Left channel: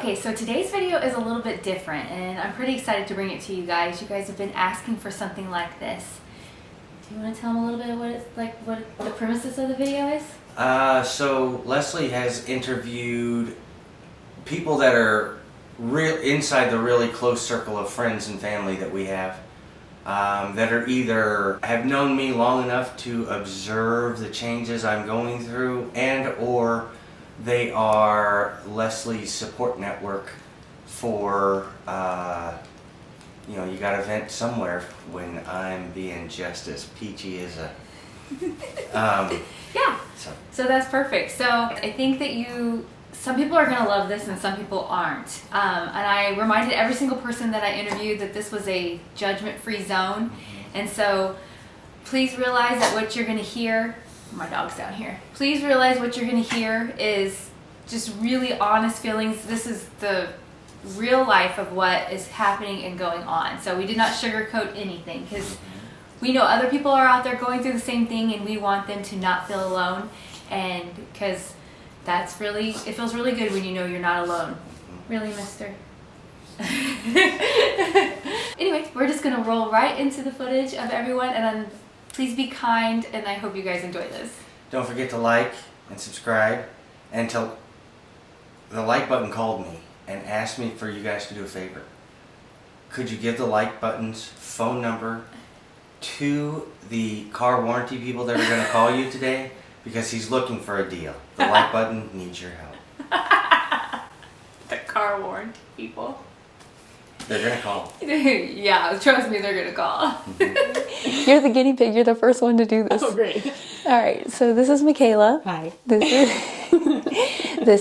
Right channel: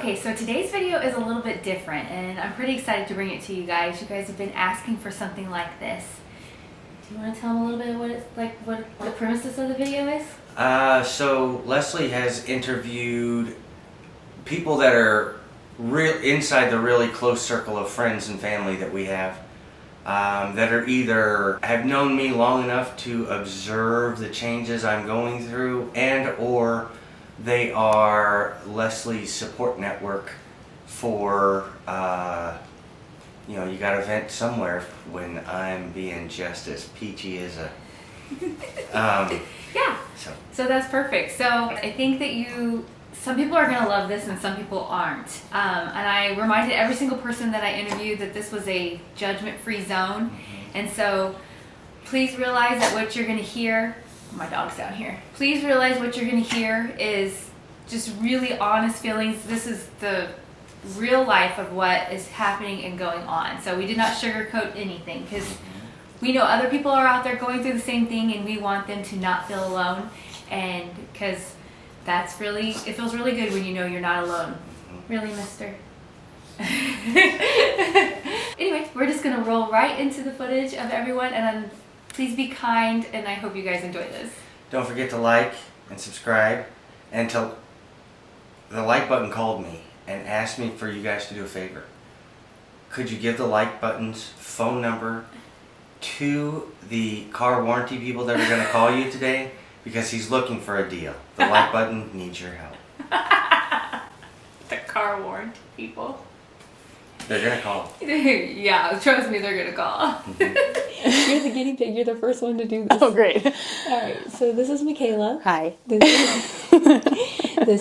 Okay, so today's video is a little bit different and I'm pretty excited to bring it to you guys. You guys have been asking for something like this. Do you want to tell them a little bit what it's like, what the premises of the video is? So Leslie has interviewed people that are inside the really close circle of friends and family that we have, that are either have known me long enough to observe the changes I'm going through, and or they are Leslie's support network for, you gotta vent somewhere when I'm being just as peachy as a... Yeah, so that's perfect. So I think that some people are gonna love this and some people aren't. And I reminded every single person that I interviewed that this was a judgment-free zone. And so please realize that what you're gonna hear, my dog's down here. Please realize what you're gonna hear is just really honest feelings. This is the real life of what is happening and going on. So we did not sugarcoat anything because we know other people are out there going through the same thing and we want them to not feel alone. And because it feels really good when you know you're not alone. Really, mister? Anyways, we're just gonna roll right into the footage of everyone, and please be kind, and I hope you guys enjoy this. Don't forget to like and subscribe, and the like button called me and asked me for you guys to do a favor. Could you give the like button's phone number to the car warranty people that are going to call you today, because he's looking for a deal. The like button needs your help. The car warranty people. They're going to call. Yeah, trust me, they're going to call. You're the guinea pig. You're the first one to do this. Oh, great. All right, so this is Michaela. Hi. This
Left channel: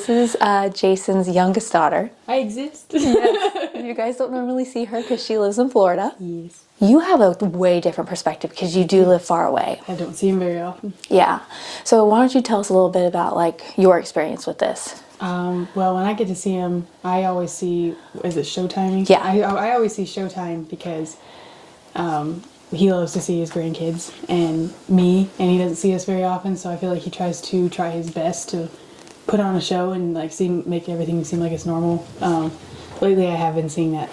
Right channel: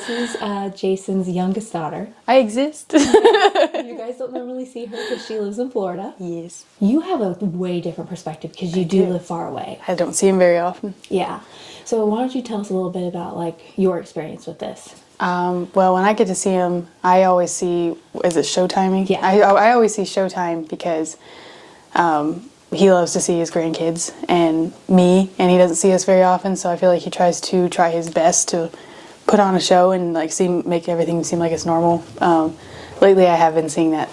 is Jason's youngest daughter. I exist. You guys don't normally see her because she lives in Florida. Yes. You have a way different perspective because you do live far away. I don't see him very often. Yeah. So why don't you tell us a little bit about your experience with this? Well, when I get to see him, I always see, is it showtiming? Yeah. I always see Showtime because he loves to see his grandkids and me, and he doesn't see us very often, so I feel like he tries his best to put on a show and make everything seem like it's normal. Lately I have been seeing that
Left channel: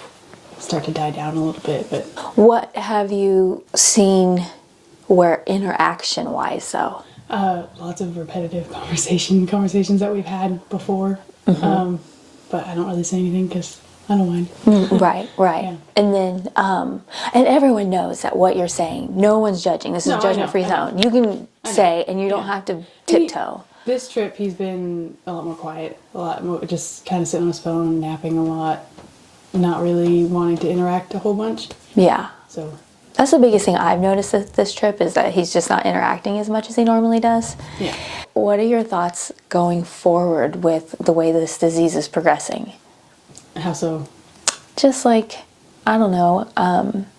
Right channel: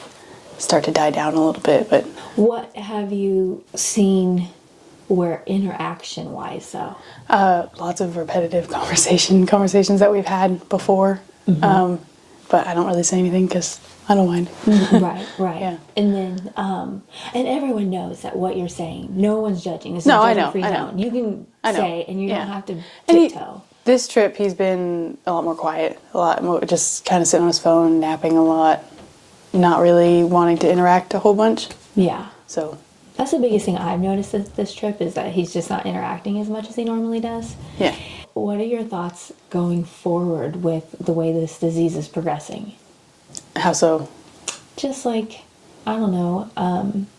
start to die down a little bit, but... What have you seen where interaction-wise, though? Lots of repetitive conversations that we've had before, but I don't really say anything because I don't mind. Right. Yeah. And then, and everyone knows that what you're saying, no one's judging. This is a judgment-free zone. You can say, and you don't have to tiptoe. This trip, he's been a lot more quiet, a lot more just kind of sitting on his phone, napping a lot, not really wanting to interact a whole bunch. Yeah. So that's the biggest thing I've noticed this trip is that he's just not interacting as much as he normally does. Yeah. What are your thoughts going forward with the way this disease is progressing? How so? Just I don't know,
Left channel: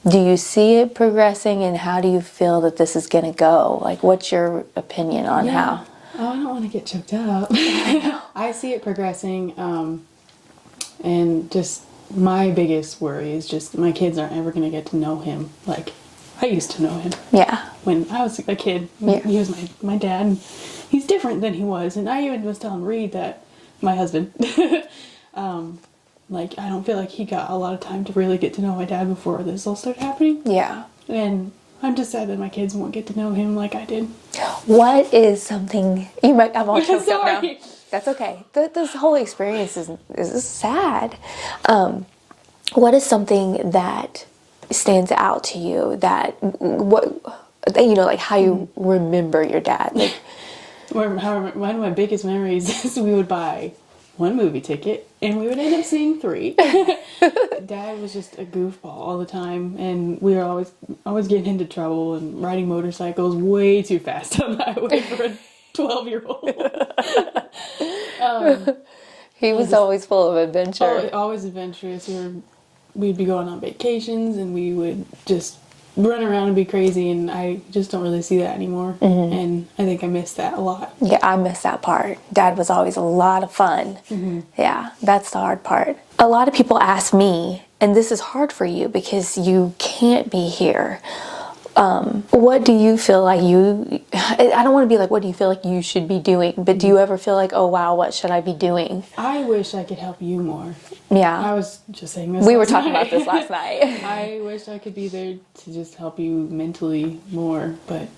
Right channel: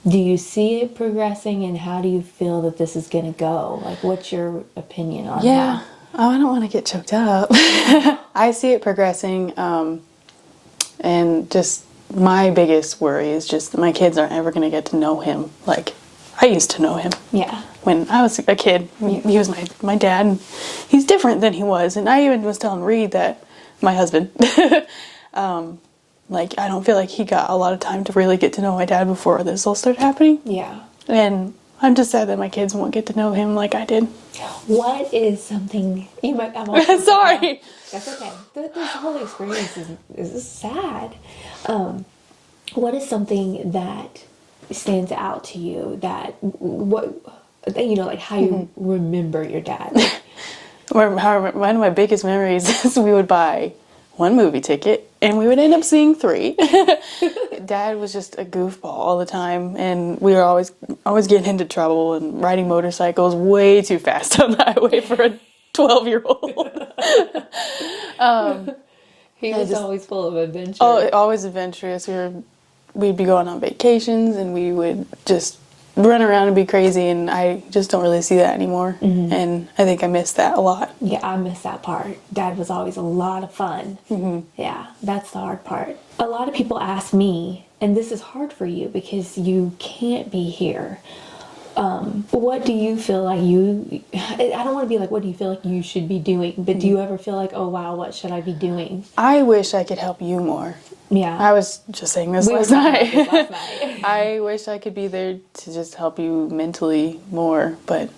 do you see it progressing, and how do you feel that this is going to go? What's your opinion on how? Oh, I don't want to get choked up. I see it progressing, and just my biggest worry is just that my kids aren't ever going to get to know him like I used to know him. Yeah. When I was a kid, he was my dad, and he's different than he was. And I even was telling Reed, that my husband, I don't feel like he got a lot of time to really get to know my dad before this all started happening. Yeah. And I'm just sad that my kids won't get to know him like I did. What is something you might? I'm all choked up now. Sorry. That's okay. This whole experience is sad. What is something that stands out to you how you remember your dad? One of my biggest memories is we would buy one movie ticket and we would end up seeing 3. Dad was just a goofball all the time, and we were always getting into trouble and riding motorcycles way too fast on the highway for a 12-year-old. He was always full of adventure. Oh, always adventurous. We'd be going on vacations and we would just run around and be crazy, and I just don't really see that anymore. And I think I miss that a lot. Yeah, I miss that part. Dad was always a lot of fun. Yeah, that's the hard part. A lot of people ask me, and this is hard for you because you can't be here, What do you feel like I don't want to be like, what do you feel like you should be doing? But do you ever feel like, oh wow, what should I be doing? I wish I could help you more. Yeah. I was just saying this We were last talking night. about this last night. I wish I could be there to just help you mentally more, but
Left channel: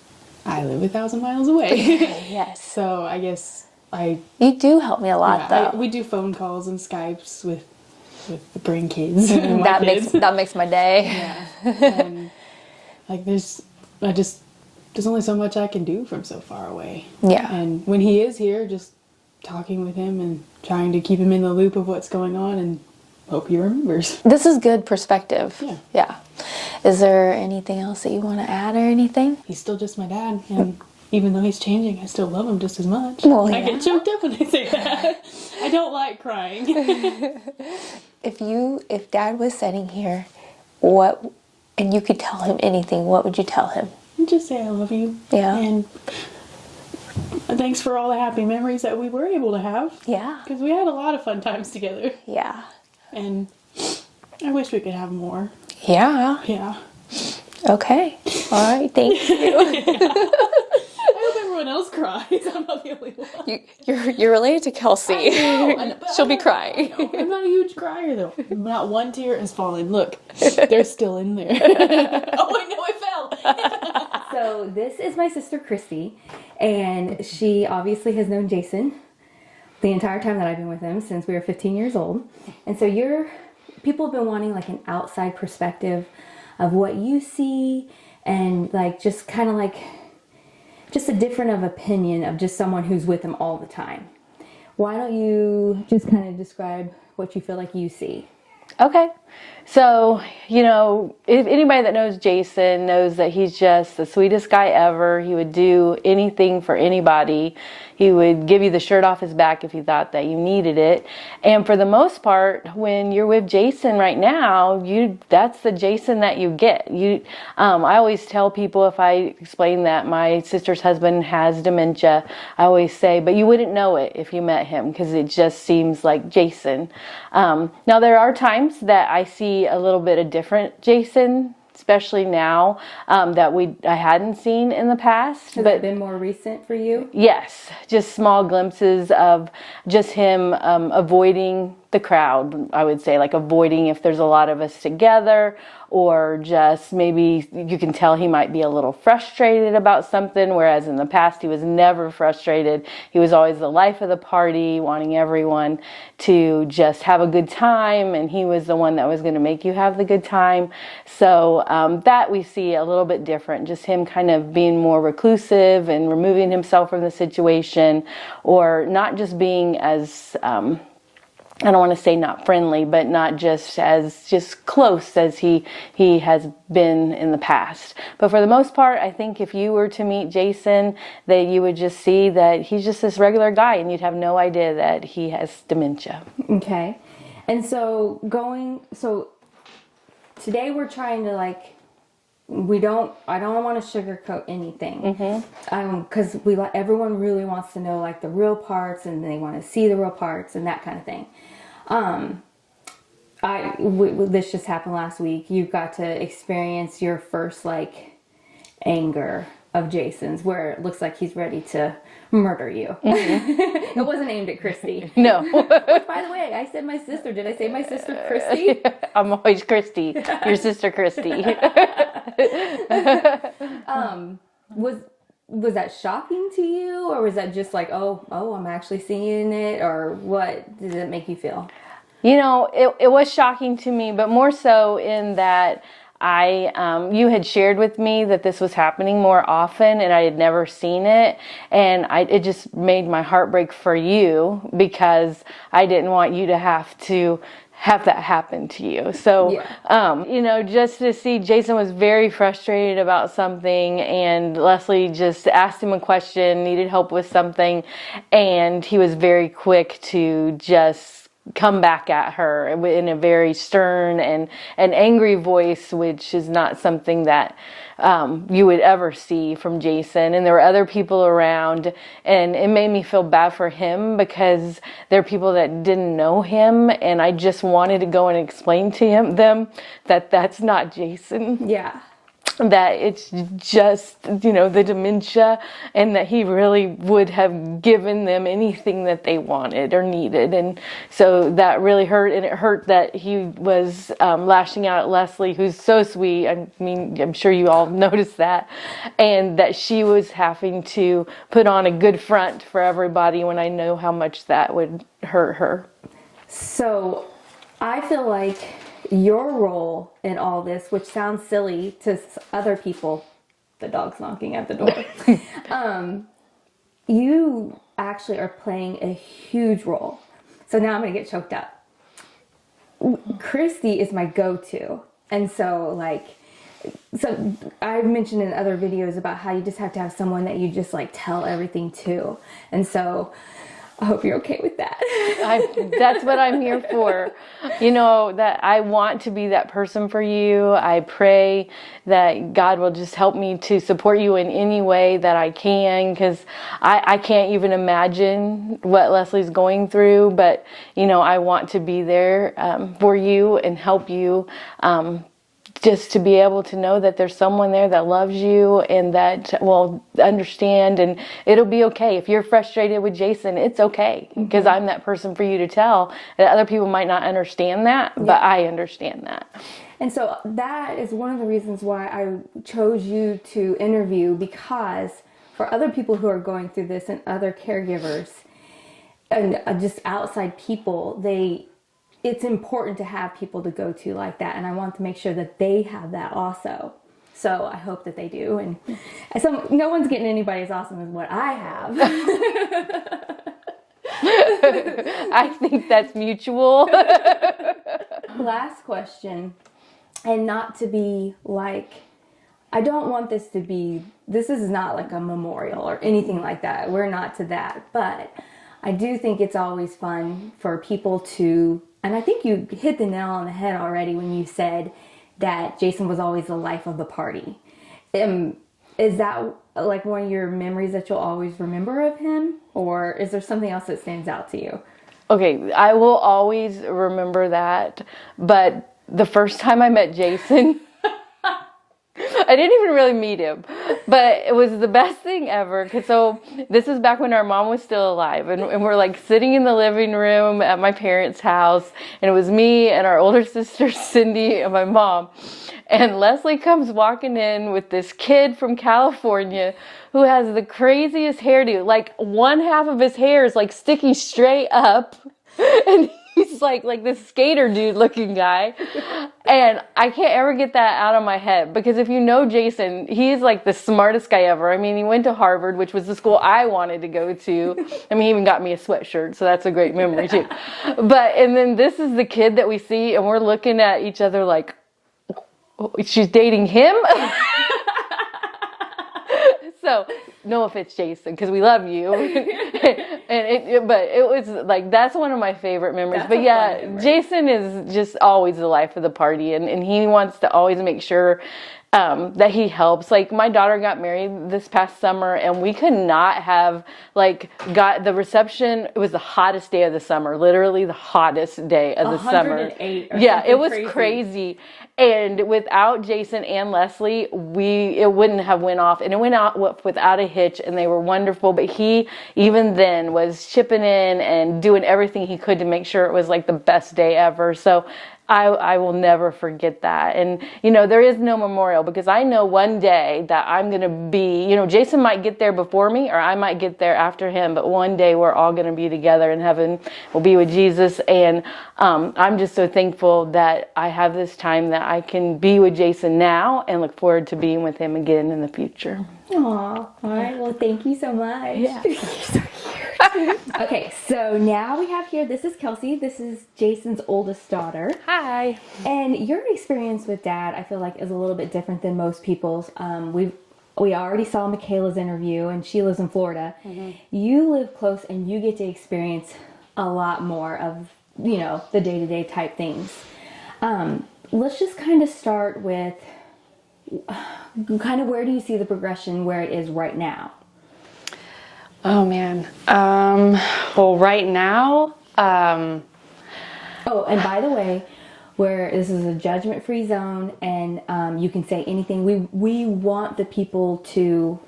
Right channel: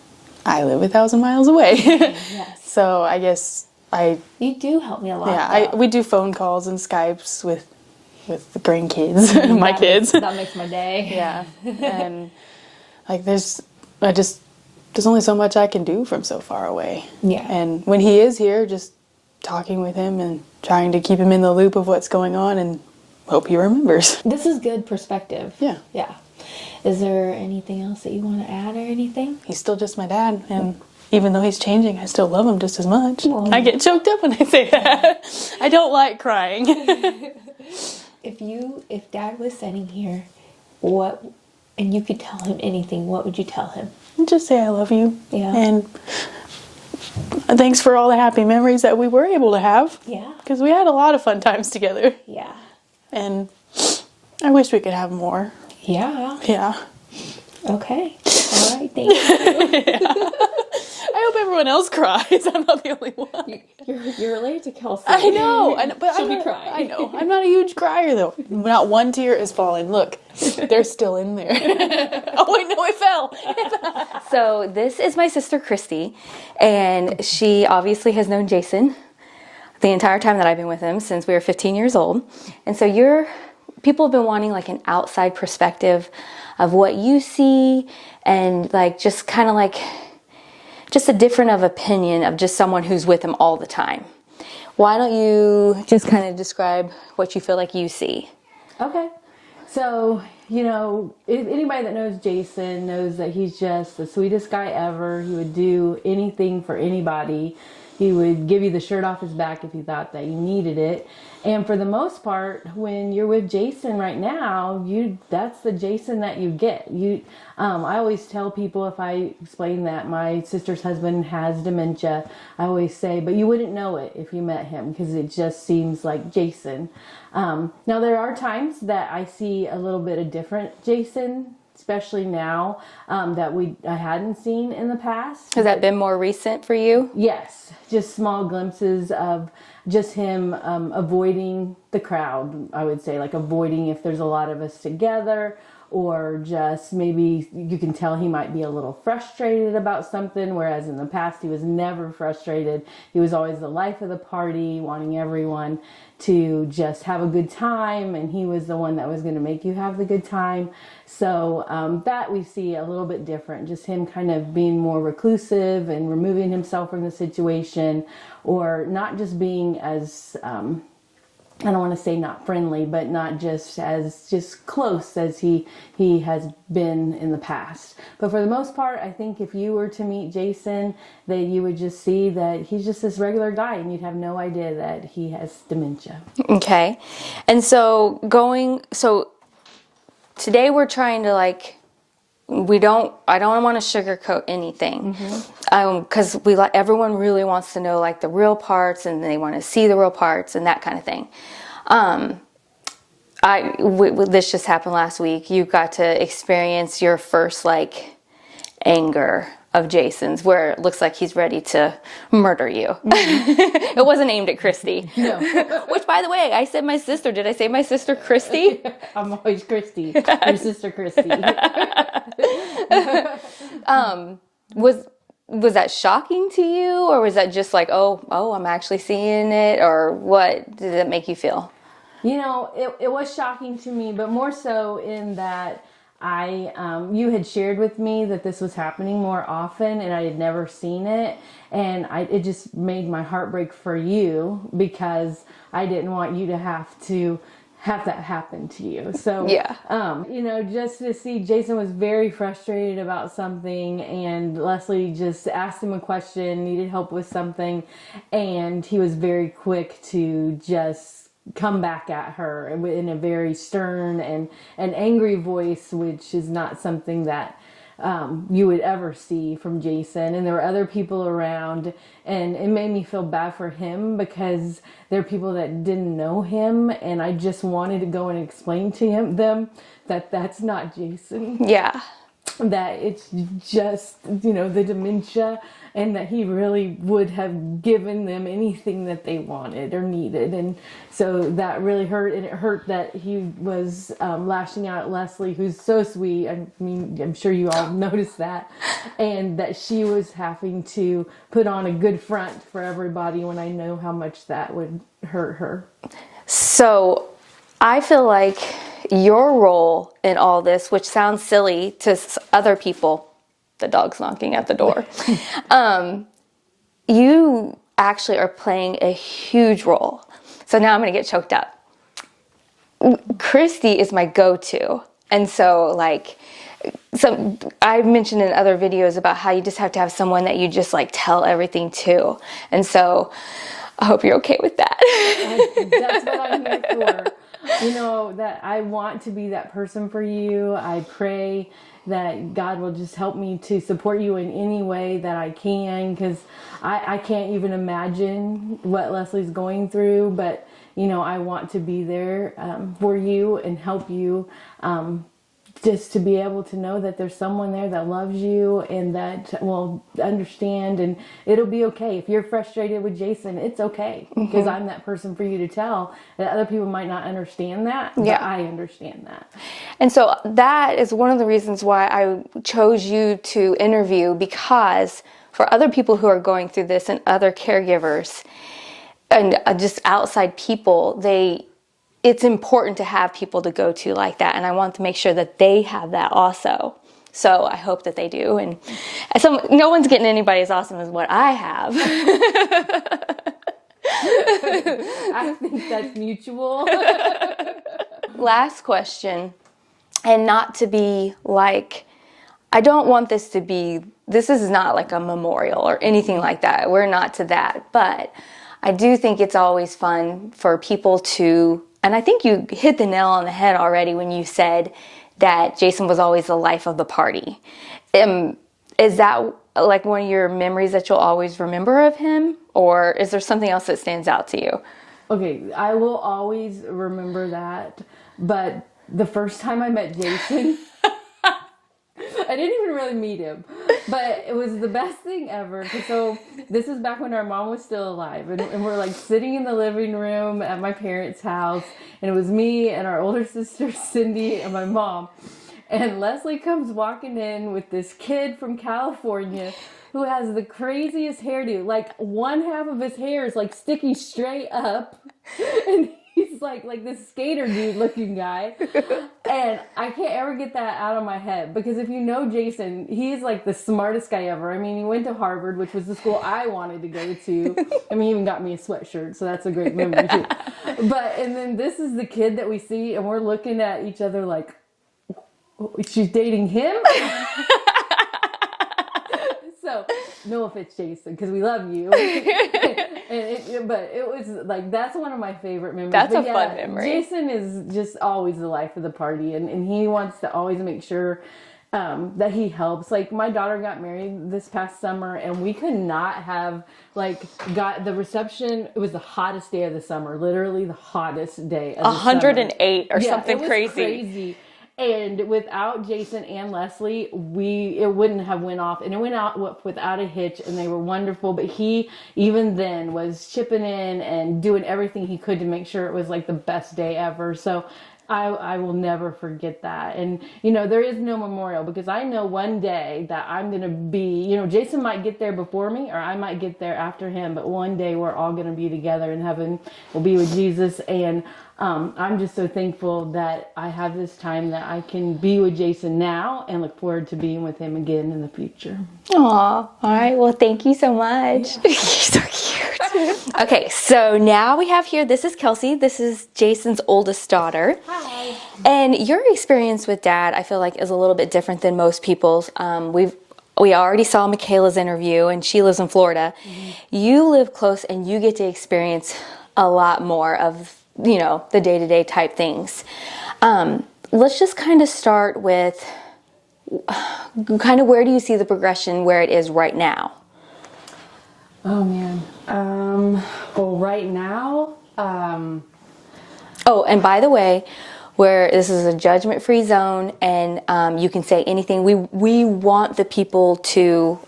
I live 1,000 miles away. Yes. So I guess You do help me a lot. though. we do phone calls and Skypes with the grandkids, my that kids. that makes my day. Yeah. And like there's only so much I can do from so far away. Yeah. And when he is here, just talking with him and trying to keep him in the loop of what's going on and hope he remembers. This is good perspective. Yeah. Yeah. Is there anything else that you want to add or anything? He's still just my dad, and even though he's changing, I still love him just as much. Well, I yeah. get choked up when I say that. I don't like crying. If Dad was sitting here, and you could tell him anything, what would you tell him? Just say I love you. Yeah. And thanks for all the happy memories that we were able to have. Yeah. Because we had a lot of fun times together. Yeah. And I wish we could have more. Yeah. Yeah. Okay. All right. Thank you. I hope everyone else cries. I'm not the only one. You're related to Kelsey. I know. But She'll I'm be not- crying. I know. I'm not a huge crier, though. Not one tear is falling. Look, they're still in there. Oh, wait, no, it fell. So this is my sister Christy, and she obviously has known Jason the entire time that I've been with him since we were 15 years old. And so people have been wanting like an outside perspective of what you see, and like just kind of like just a different of opinion of just someone who's with him all the time. Why don't you just kind of describe what you feel like you see? Okay. So, if anybody that knows Jason knows that he's just the sweetest guy ever. He would do anything for anybody. He would give you the shirt off his back if you thought that you needed it. And for the most part, when you're with Jason right now, that's the Jason that you get. I always tell people, if I explain that my sister's husband has dementia, I always say, but you wouldn't know it if you met him, because it just seems like Jason. Now there are times that I see a little bit of different Jason, especially now, that I hadn't seen in the past. Has that been more recent for you? Yes, just small glimpses of just him avoiding the crowd, I would say, like avoiding if there's a lot of us together, or just maybe you can tell he might be a little frustrated about something, whereas in the past he was never frustrated. He was always the life of the party, wanting everyone to just have a good time, and he was the one that was going to make you have the good time. So that we see a little bit different, just him kind of being more reclusive and removing himself from the situation, or not just being as I don't want to say not friendly, but not just close as he has been in the past. But for the most part, I think if you were to meet Jason, that you would just see that he's just this regular guy, and you'd have no idea that he has dementia. Okay. And so today we're trying to I don't want to sugarcoat anything. Because everyone really wants to know like the real parts, and they want to see the real parts and that kind of thing. This just happened last week. You got to experience your first anger of Jason's, where it looks like he's ready to murder you. It wasn't aimed at Christy. No. Which, by the way, I said my sister. Did I say my sister Christy? I'm always Christy, your sister Christy. Was that shocking to you, or was that just like, oh, I'm actually seeing it, or what did it make you feel? It was shocking to me, but more so in that you had shared with me that this was happening more often, and I had never seen it, and it just made my heart break for you, because I didn't want you to have that happen to you. So, yeah. Just to see Jason was very frustrated about something, and Leslie just asked him a question, needed help with something, and he was very quick to just come back at her in a very stern and angry voice, which is not something that you would ever see from Jason. And there were other people around, and it made me feel bad for him, because there are people that didn't know him, and I just wanted to go and explain to them that that's not Jason. Yeah. that it's just, you know, the dementia, and that he really would have given them anything that they wanted or needed. And so that really hurt, and it hurt that he was lashing out at Leslie, who's so sweet. I mean, I'm sure you all noticed that, and that she was having to put on a good front for everybody when I know how much that would hurt her. So I feel like your role in all this, which sounds silly to other people, the dog's knocking at the door, you actually are playing a huge role. So now I'm going to get choked up. Christy is my go-to. And so like, I've mentioned in other videos about how you just have to have someone that you just like tell everything to. And so I hope you're okay with that. That's what I'm here for. You know, that I want to be that person for you. I pray that God will just help me to support you in any way that I can, because I can't even imagine what Leslie's going through. But, you know, I want to be there for you and help you. Just to be able to know that there's someone there that loves you and that will understand, and it'll be okay. If you're frustrated with Jason, it's okay, because I'm that person for you to tell. And other people might not understand that, but I understand that. And so that is one of the reasons why I chose you to interview, because for other people who are going through this and other caregivers and just outside people, it's important to have people to go to like that, and I want to make sure that they have that also. So I hope that they do, and so no one's getting anybody as awesome as what I have. I think that's mutual. Last question, and not to be like, I don't want this is not like a memorial or anything like that. We're not to that, but I do think it's always fun for people to, and I think you hit the nail on the head already when you said that Jason was always the life of the party. Is that like one of your memories that you'll always remember of him? Or is there something else that stands out to you? Okay, I will always remember that. But the first time I met Jason, I didn't even really meet him, but it was the best thing ever. So this is back when our mom was still alive, and we're like sitting in the living room at my parents' house, and it was me and our older sister Cindy and my mom. And Leslie comes walking in with this kid from California who has the craziest hairdo. Like one half of his hair is like sticking straight up, and he's like this skater dude looking guy. And I can't ever get that out of my head, because if you know Jason, he's like the smartest guy ever. I mean, he went to Harvard, which was the school I wanted to go to. I mean, he even got me a sweatshirt, so that's a great memory too. And then this is the kid that we see, and we're looking at each other like, she's dating him? So, no offense, Jason, because we love you. But it was like, that's one of my favorite memories. That's but a fun memory. Jason is just always the life of the party, and he wants to always make sure that he helps. Like my daughter got married this past summer, and we could not have got the reception. It was the hottest day of the summer, literally the hottest day of the summer. 108 or something it was crazy. crazy. And without Jason and Leslie, it wouldn't have went off. And it went out without a hitch, and they were wonderful. But he, even then, was chipping in and doing everything he could to make sure it was like the best day ever. So I will never forget that. And, you know, there is no memorial, because I know one day that I'm going to be, you know, Jason might get there before me, or I might get there after him, but one day we're all going to be together in heaven. We'll be with Jesus. And I'm just so thankful that I have this time that I can be with Jason now, and look forward to being with him again in the future. Aw, all right. Well, thank you so much. Yeah. You're so cute. Okay, so now we have here, this is Kelsey. This is Jason's oldest daughter. Hi. And your experience with Dad, I feel like, is a little bit different than most people's. We already saw Michaela's interview, and she lives in Florida. Mm-hmm. You live close, and you get to experience a lot more of, you know, the day-to-day type things. Let's just kind of start with kind of, where do you see the progression where it is right now? Oh man. Well, right now, Oh, and by the way, where this is a judgment-free zone, and you can say anything. We want the people to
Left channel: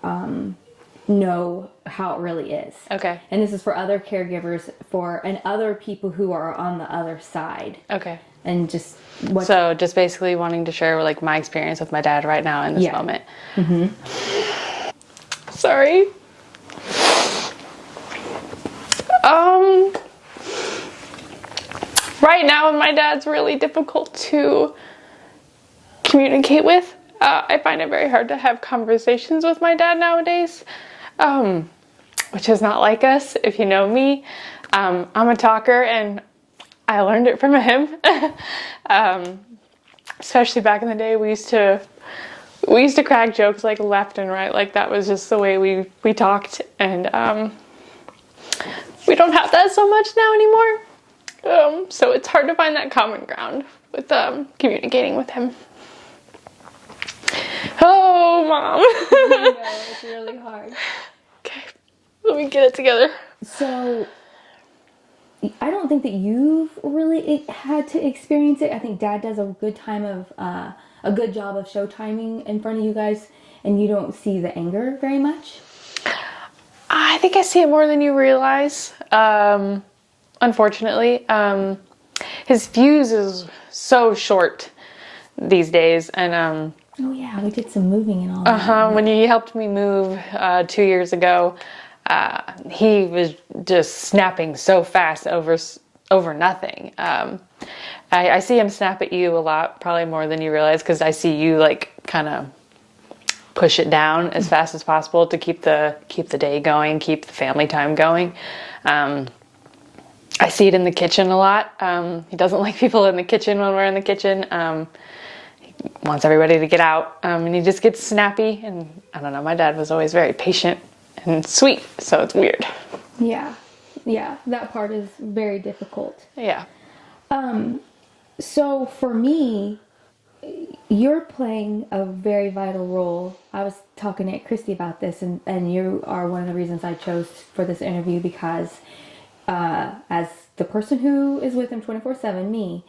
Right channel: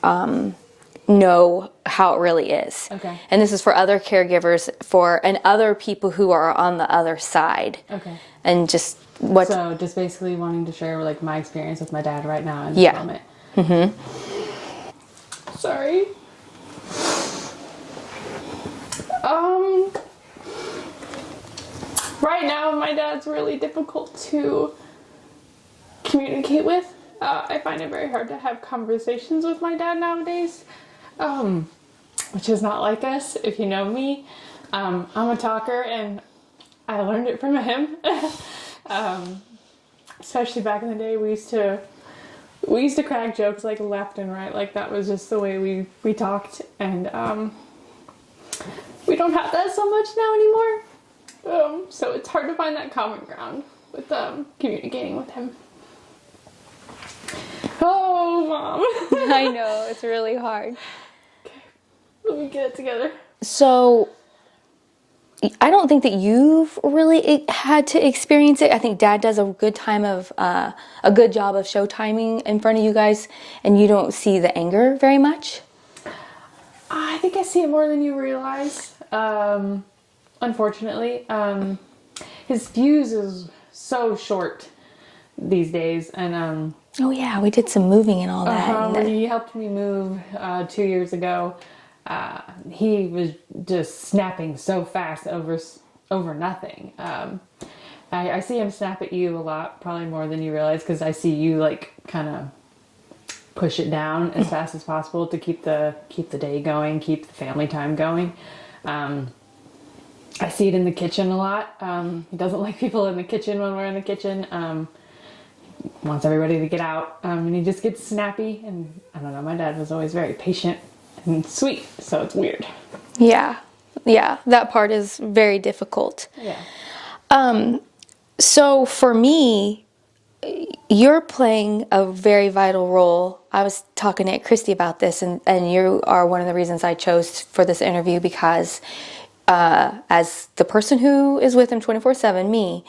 know how it really is. Okay. And this is for other caregivers and other people who are on the other side. Okay. And just So just basically wanting to share like my experience with my dad right now in this moment. Sorry. Right now my dad's really difficult to communicate with. I find it very hard to have conversations with my dad nowadays, which is not like us. If you know me, I'm a talker, and I learned it from him. Especially back in the day, we used to crack jokes like left and right. Like that was just the way we talked, and we don't have that so much now anymore. So it's hard to find that common ground with communicating with him. Oh, Mom. I know, it's really hard. Okay, let me get it together. So I don't think that you've really had to experience it. I think Dad does a good job of show timing in front of you guys, and you don't see the anger very much. I think I see it more than you realize. Unfortunately, his fuse is so short these days, and Oh yeah, we did some moving and all that. when he helped me move 2 years ago, he was just snapping so fast over nothing. I see him snap at you a lot, probably more than you realize, because I see you like kind of push it down as fast as possible to keep the day going, keep the family time going. I see it in the kitchen a lot. He doesn't like people in the kitchen when we're in the kitchen. He wants everybody to get out, and he just gets snappy. And I don't know, my dad was always very patient and sweet, so it's weird. Yeah, that part is very difficult. Yeah. So for me, you're playing a very vital role. I was talking to Christy about this, and you are one of the reasons I chose for this interview, because as the person who is with him 24/7, me,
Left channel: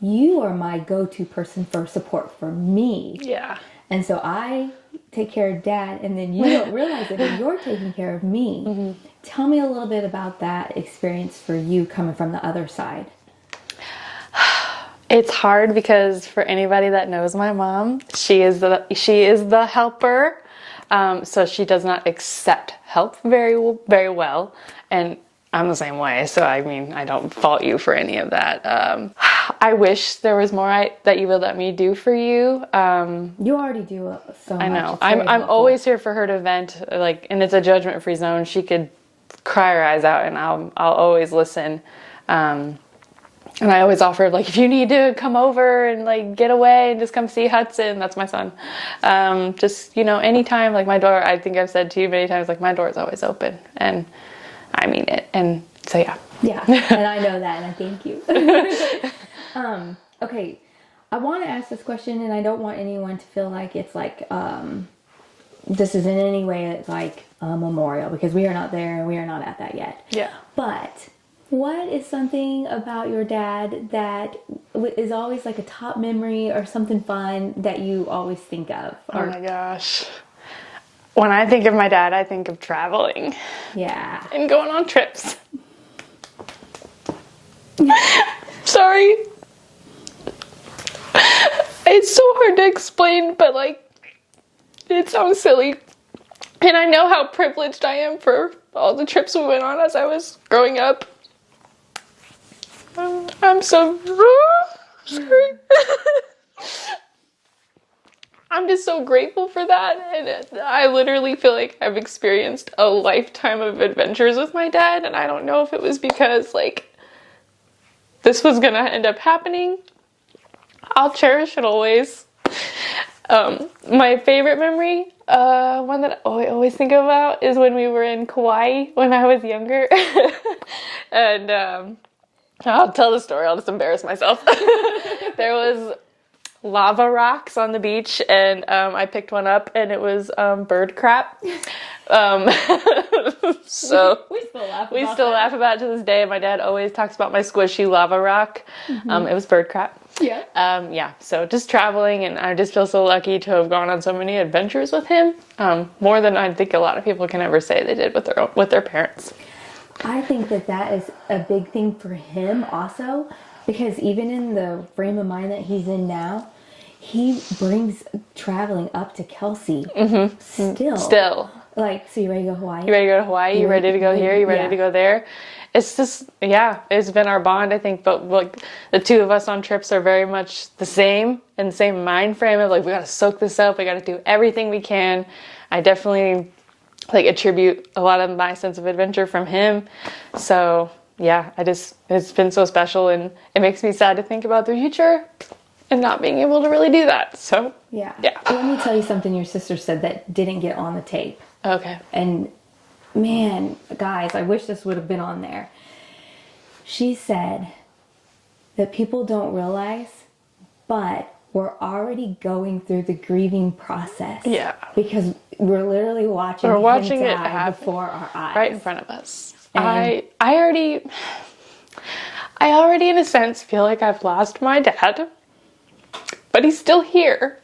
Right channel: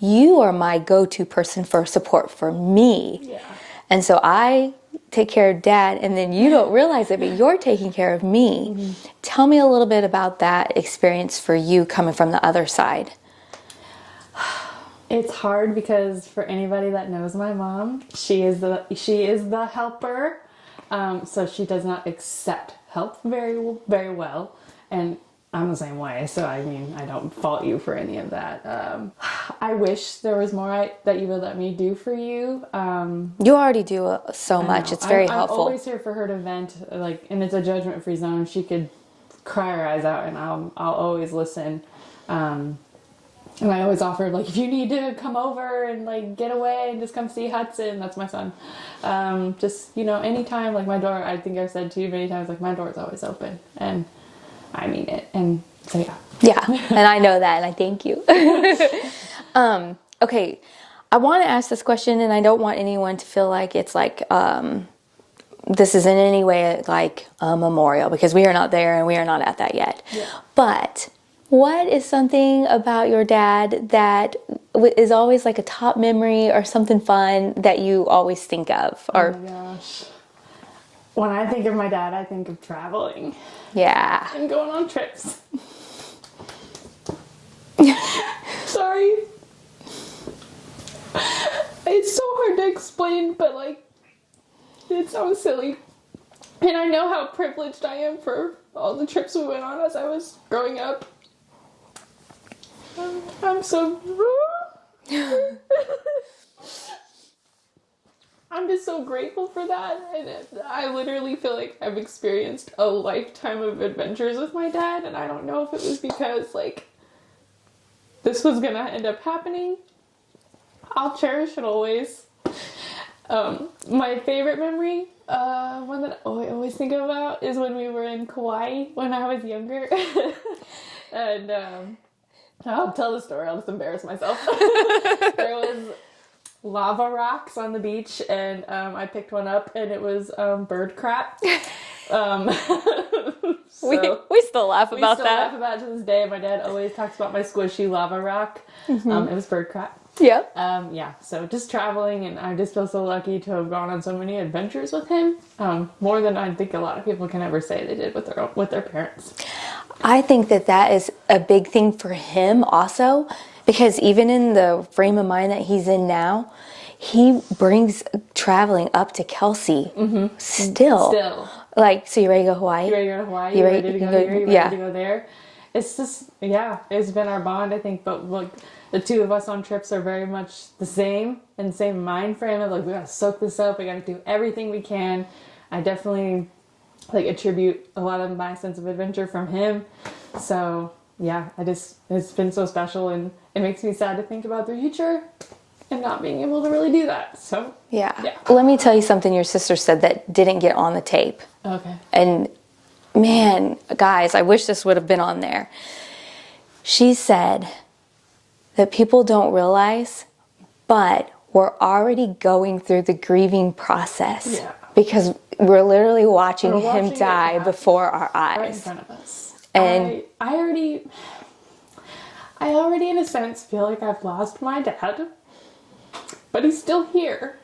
you are my go-to person for support for me. Yeah. And so I take care of Dad, and then you don't realize it, but you're taking care of me. Mm-hmm. Tell me a little bit about that experience for you coming from the other side. It's hard because for anybody that knows my mom, she is the helper. So she does not accept help very well, and I'm the same way. So I mean, I don't fault you for any of that. I wish there was more that you would let me do for you. You already do so much. It's very helpful. I'm always here for her to vent, and it's a judgment-free zone. She could cry her eyes out, and I'll always listen. And I always offer, if you need to come over and get away and just come see Hudson, that's my son. Just, anytime, my door, I think I've said to you many times, my door is always open, and I mean it. And so, yeah. Yeah. And I know that, and I thank you. Okay. I want to ask this question, and I don't want anyone to feel like it's this is in any way like a memorial, because we are not there and we are not at that yet. Yeah. But what is something about your dad that is always like a top memory or something fun that you always think of? Oh my gosh. When I think of my dad, I think of traveling. Yeah. And going on trips. Sorry. It's so hard to explain, but it sounds silly. And I know how privileged I am for all the trips we went on as I was growing up. I'm so... I'm just so grateful for that, and I literally feel like I've experienced a lifetime of adventures with my dad, and I don't know if it was because, this was gonna end up happening. I'll cherish it always. My favorite memory, one that I always think about, is when we were in Kauai when I was younger. And I'll tell the story, I'll just embarrass myself. There was lava rocks on the beach, and I picked one up, and it was bird crap. So we still laugh about we still that. laugh about it to this day. My dad always talks about my squishy lava rock. It was bird crap. Yeah. So just traveling, and I just feel so lucky to have gone on so many adventures with him. More than I think a lot of people can ever say they did with their parents. I think that is a big thing for him also, because even in the frame of mind that he's in now, he brings traveling up to Kelsey still. Like, so you ready to go to Hawaii? You ready to go to Hawaii? You ready to go here? You ready to go there? It's just, it's been our bond, I think. But like the two of us on trips are very much the same, and the same mind frame of like, we got to soak this up. We got to do everything we can. I definitely like attribute a lot of my sense of adventure from him. So it's been so special, and it makes me sad to think about the future and not being able to really do that. So Yeah. Let me tell you something your sister said that didn't get on the tape. Okay. And man, guys, I wish this would have been on there. She said that people don't realize, but we're already going through the grieving process. Yeah. Because we're literally watching him it die happen before our eyes. right in front of us. And I already in a sense feel like I've lost my dad, but he's still here.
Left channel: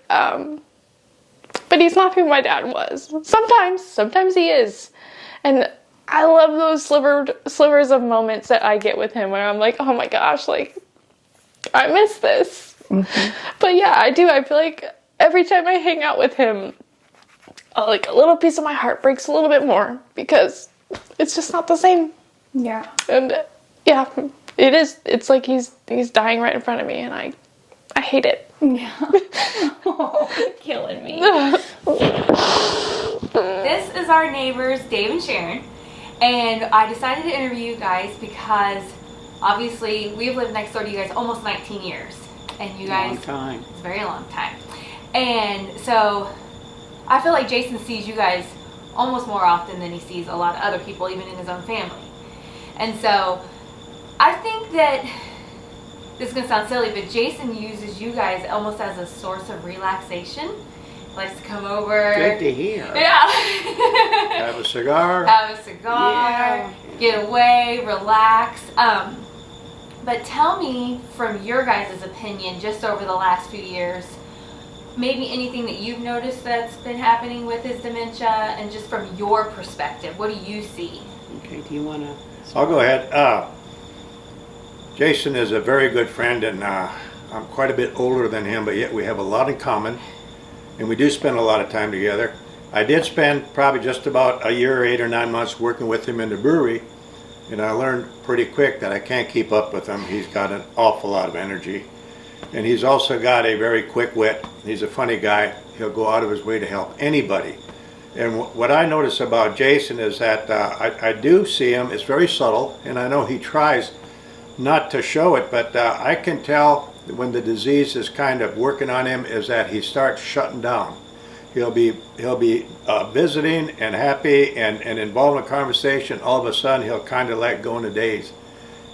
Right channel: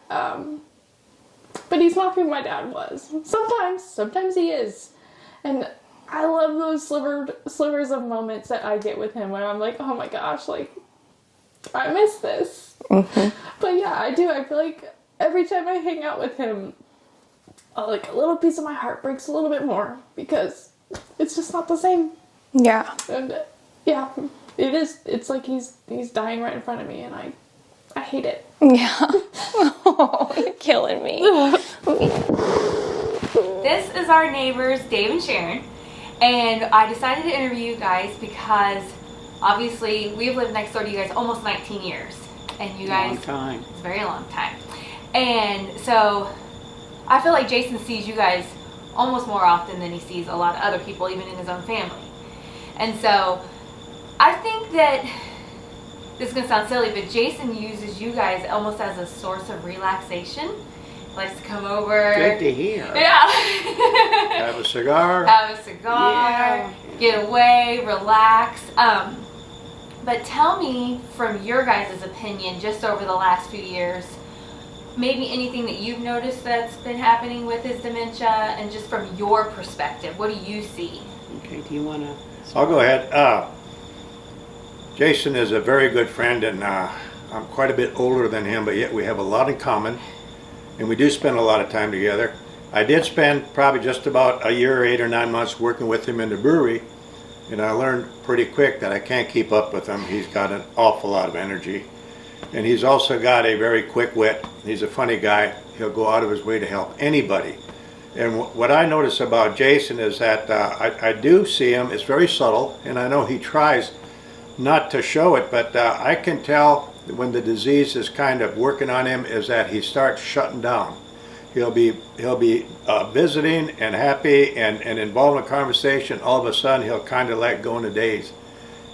But he's not who my dad was. Sometimes he is. And I love those slivers of moments that I get with him where I'm like, oh my gosh, like, I miss this. But yeah, I do. I feel like every time I hang out with him, like a little piece of my heart breaks a little bit more because it's just not the same. Yeah. And it is. It's like he's dying right in front of me, and I hate it. Yeah. Oh, you're killing me. This is our neighbors, Dave and Sharon, and I decided to interview you guys because obviously we've lived next door to you guys almost 19 years, and you guys, Long time. it's a very long time, and so I feel like Jason sees you guys almost more often than he sees a lot of other people, even in his own family, and so I think that this is gonna sound silly, but Jason uses you guys almost as a source of relaxation. Likes to come over. Good to hear. Yeah. Have a cigar. Have a cigar, get away, relax. But tell me, from your guys' opinion, just over the last few years, maybe anything that you've noticed that's been happening with his dementia, and just from your perspective, what do you see? Okay, do you want to? I'll go ahead. Jason is a very good friend, and I'm quite a bit older than him, but yet we have a lot in common, and we do spend a lot of time together. I did spend probably just about a year, 8 or 9 months working with him in the brewery, and I learned pretty quick that I can't keep up with him. He's got an awful lot of energy, and he's also got a very quick wit. He's a funny guy. He'll go out of his way to help anybody. And what I notice about Jason is that I do see him, it's very subtle, and I know he tries not to show it, but I can tell when the disease is kind of working on him is that he starts shutting down. He'll be visiting and happy and involved in a conversation. All of a sudden, he'll kind of let go in a daze,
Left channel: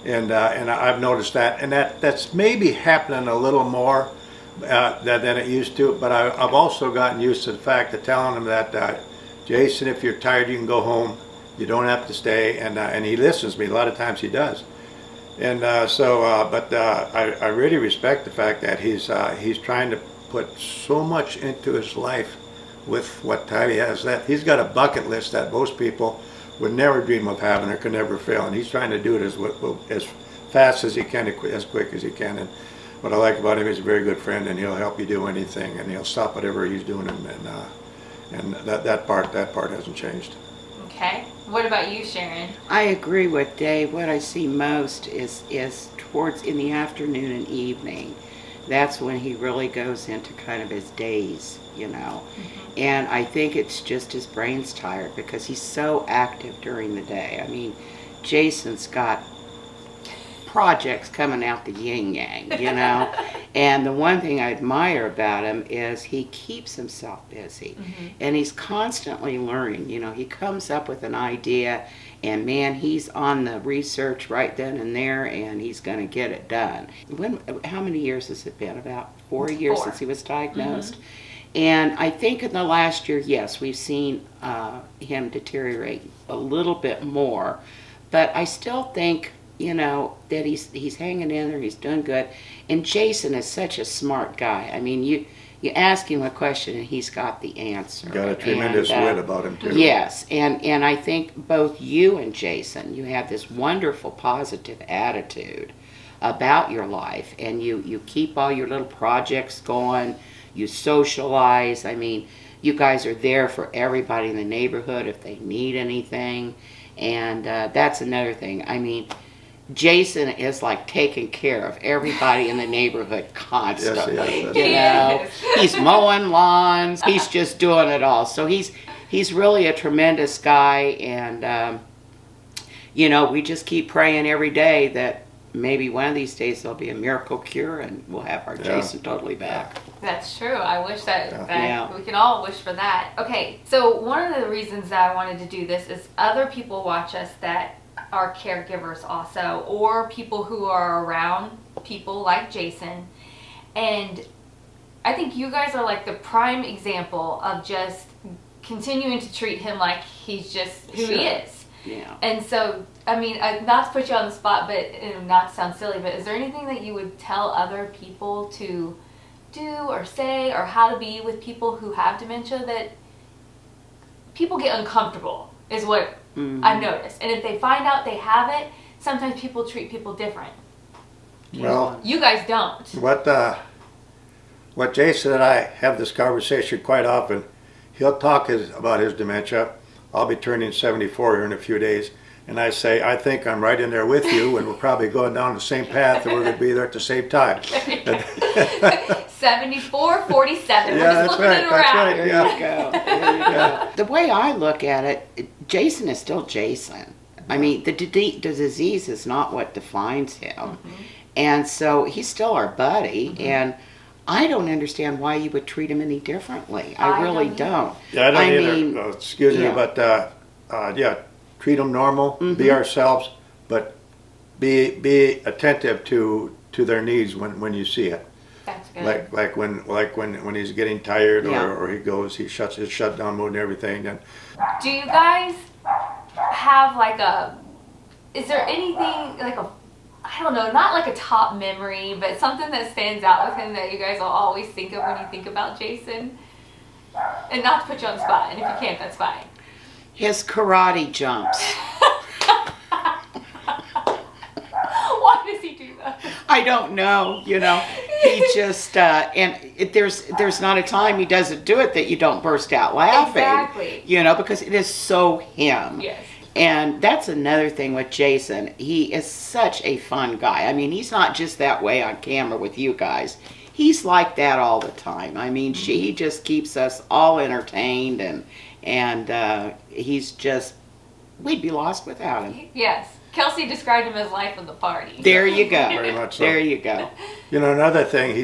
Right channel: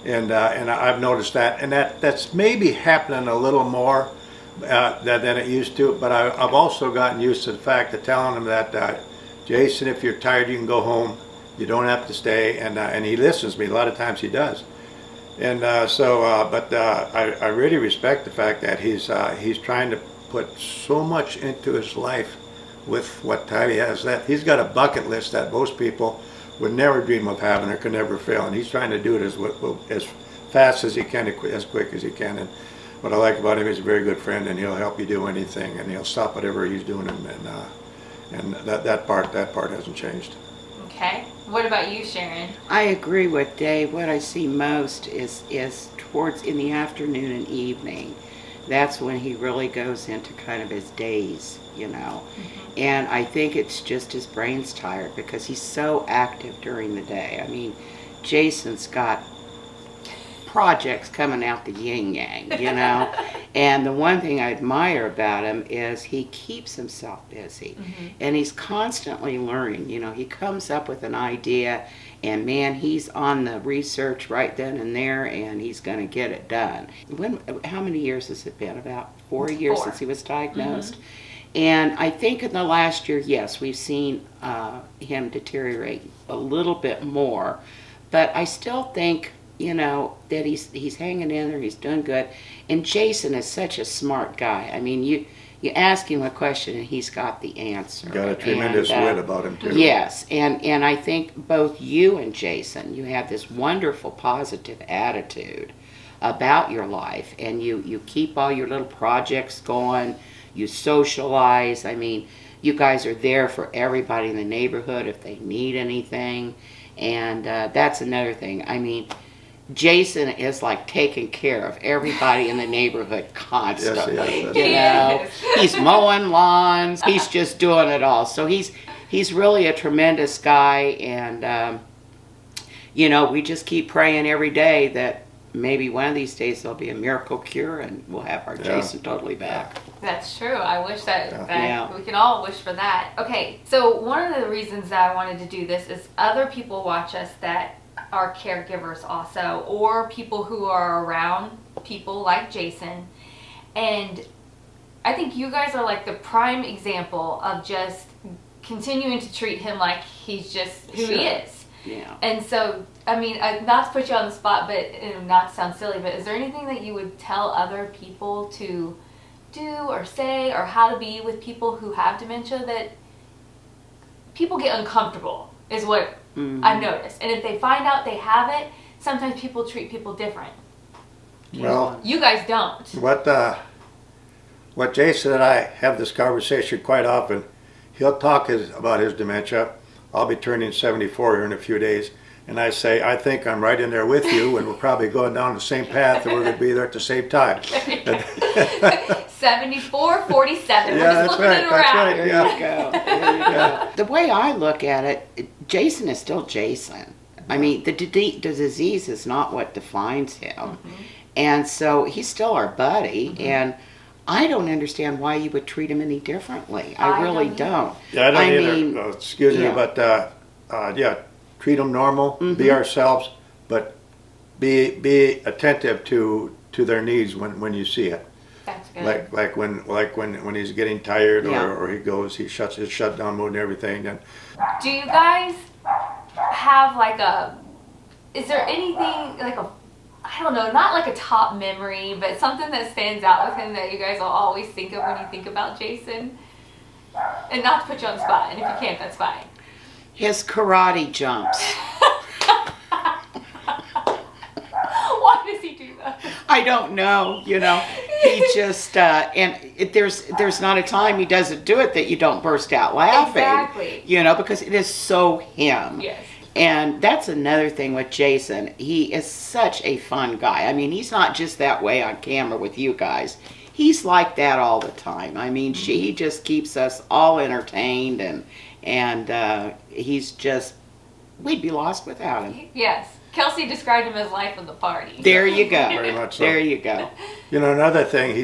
and I've noticed that, and that's maybe happening a little more than it used to. But I've also gotten used to the fact of telling him that Jason, if you're tired, you can go home. You don't have to stay, and he listens to me. A lot of times he does. And but I really respect the fact that he's trying to put so much into his life with what time he has. That he's got a bucket list that most people would never dream of having or could never fail, and he's trying to do it as fast as he can, as quick as he can. And what I like about him, he's a very good friend, and he'll help you do anything, and he'll stop whatever he's doing, and that part hasn't changed. Okay. What about you, Sharon? I agree with Dave. What I see most is towards in the afternoon and evening. That's when he really goes into kind of his daze, you know. And I think it's just his brain's tired because he's so active during the day. I mean, Jason's got projects coming out the yin yang, you know. And the one thing I admire about him is he keeps himself busy, and he's constantly learning. You know, he comes up with an idea, and man, he's on the research right then and there, and he's going to get it done. How many years has it been? About 4 years since he was diagnosed. And I think in the last year, yes, we've seen him deteriorate a little bit more. But I still think, that he's hanging in there, he's doing good. And Jason is such a smart guy. I mean, you ask him a question and he's got the answer. Got a tremendous wit about him too. Yes, and I think both you and Jason, you have this wonderful positive attitude about your life, and you keep all your little projects going, you socialize. I mean, you guys are there for everybody in the neighborhood if they need anything, and that's another thing. I mean, Jason is like taking care of everybody in the neighborhood constantly. Yes, He's mowing lawns. He's just doing it all. So he's really a tremendous guy, and we just keep praying every day that maybe one of these days there'll be a miracle cure and we'll have our Jason totally back. That's true. I wish that Yeah. we can all wish for that. Okay, so one of the reasons that I wanted to do this is other people watch us that are caregivers also, or people who are around people like Jason. And I think you guys are like the prime example of just continuing to treat him like he's just who he is. Yeah. And so, I mean, not to put you on the spot, but not to sound silly, but is there anything that you would tell other people to do or say, or how to be with people who have dementia, that people get uncomfortable is what I've noticed. And if they find out they have it, sometimes people treat people different. Well, You guys don't. what Jason and I have this conversation quite often. He'll talk about his dementia. I'll be turning 74 here in a few days. And I say, I think I'm right in there with you, and we're probably going down the same path, and we're going to be there at the same time. 74, 47. Yeah, We're just that's flipping right, it that's around. right. There you go. There you go. The way I look at it, Jason is still Jason. I mean, the disease is not what defines him. And so he's still our buddy, and I don't understand why you would treat him any differently. I really don't. Yeah, I don't either. mean, Excuse me, yeah. but treat them normal, be ourselves, but be attentive to their needs when you see it. That's good. Like when he's getting tired Yeah. or he shuts his shutdown mode and everything. Then Do you guys have is there anything I don't know, not like a top memory, but something that stands out with him that you guys will always think of when you think about Jason? And not to put you on the spot, and if you can't, that's fine. his karate jumps. Why does he do that? I don't know, he just, there's not a time he doesn't do it that you don't burst out laughing. Exactly. Because it is so him. Yes. And that's another thing with Jason. He is such a fun guy. I mean, he's not just that way on camera with you guys. He's like that all the time. I mean, he just keeps us all entertained, and he's just, we'd be lost without him. Yes. Kelsey described him as life of the party. There you go. very much so. There you go. Another thing,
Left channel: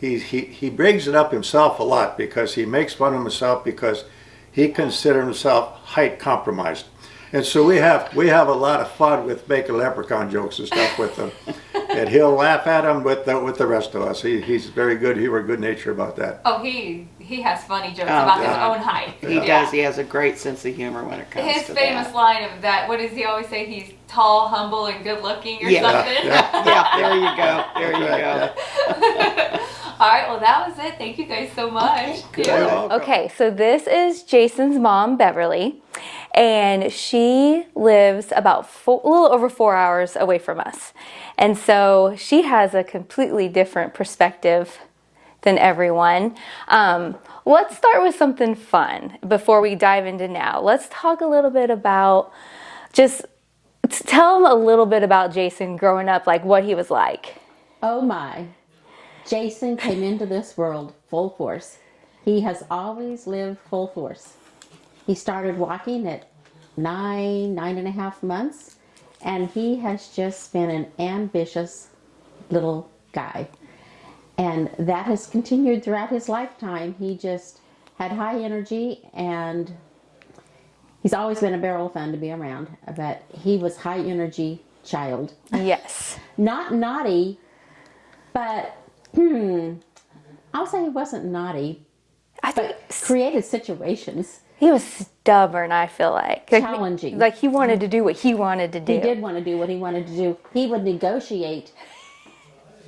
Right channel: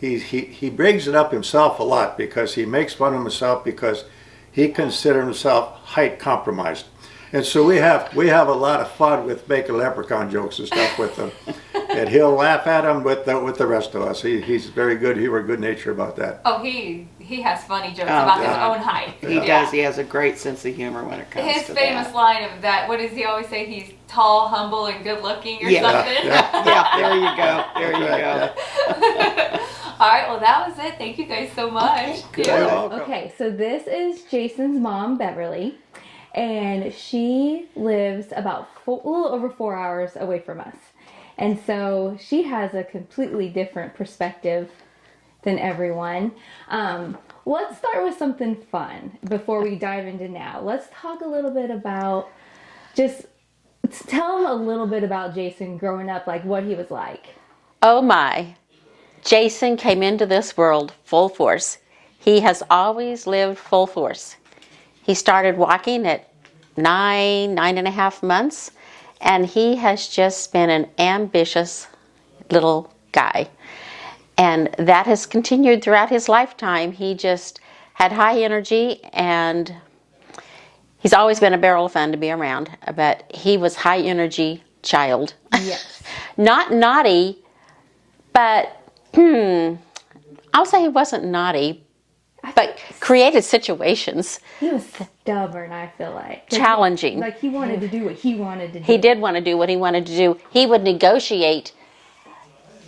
he brings it up himself a lot because he makes fun of himself because he considers himself height compromised. And so we have a lot of fun with making leprechaun jokes and stuff with him. And he'll laugh at him with the rest of us. He's very good. He were good nature about that. Oh, he has funny jokes about his God. own height. He does. He has a great sense of humor when it comes His to famous that. line of that, what does he always say? He's tall, humble, and good looking or Yeah. something. Yeah, there you go. There you go. All right, well, that was it. Thank you guys so much. Good. You're welcome. Okay, so this is Jason's mom, Beverly, and she lives about a little over 4 hours away from us. And so she has a completely different perspective than everyone. Let's start with something fun before we dive into now. Let's talk a little bit about, just tell them a little bit about Jason growing up, like what he was like. Oh my. Jason came into this world full force. He has always lived full force. He started walking at 9.5 months, and he has just been an ambitious little guy. And that has continued throughout his lifetime. He just had high energy, and he's always been a barrel of fun to be around, but he was high energy child. Yes. Not naughty, but I'll say he wasn't naughty, but created situations. He was stubborn, I feel like. Challenging. Like he wanted to do what he wanted to do. He did want to do what he wanted to do. He would negotiate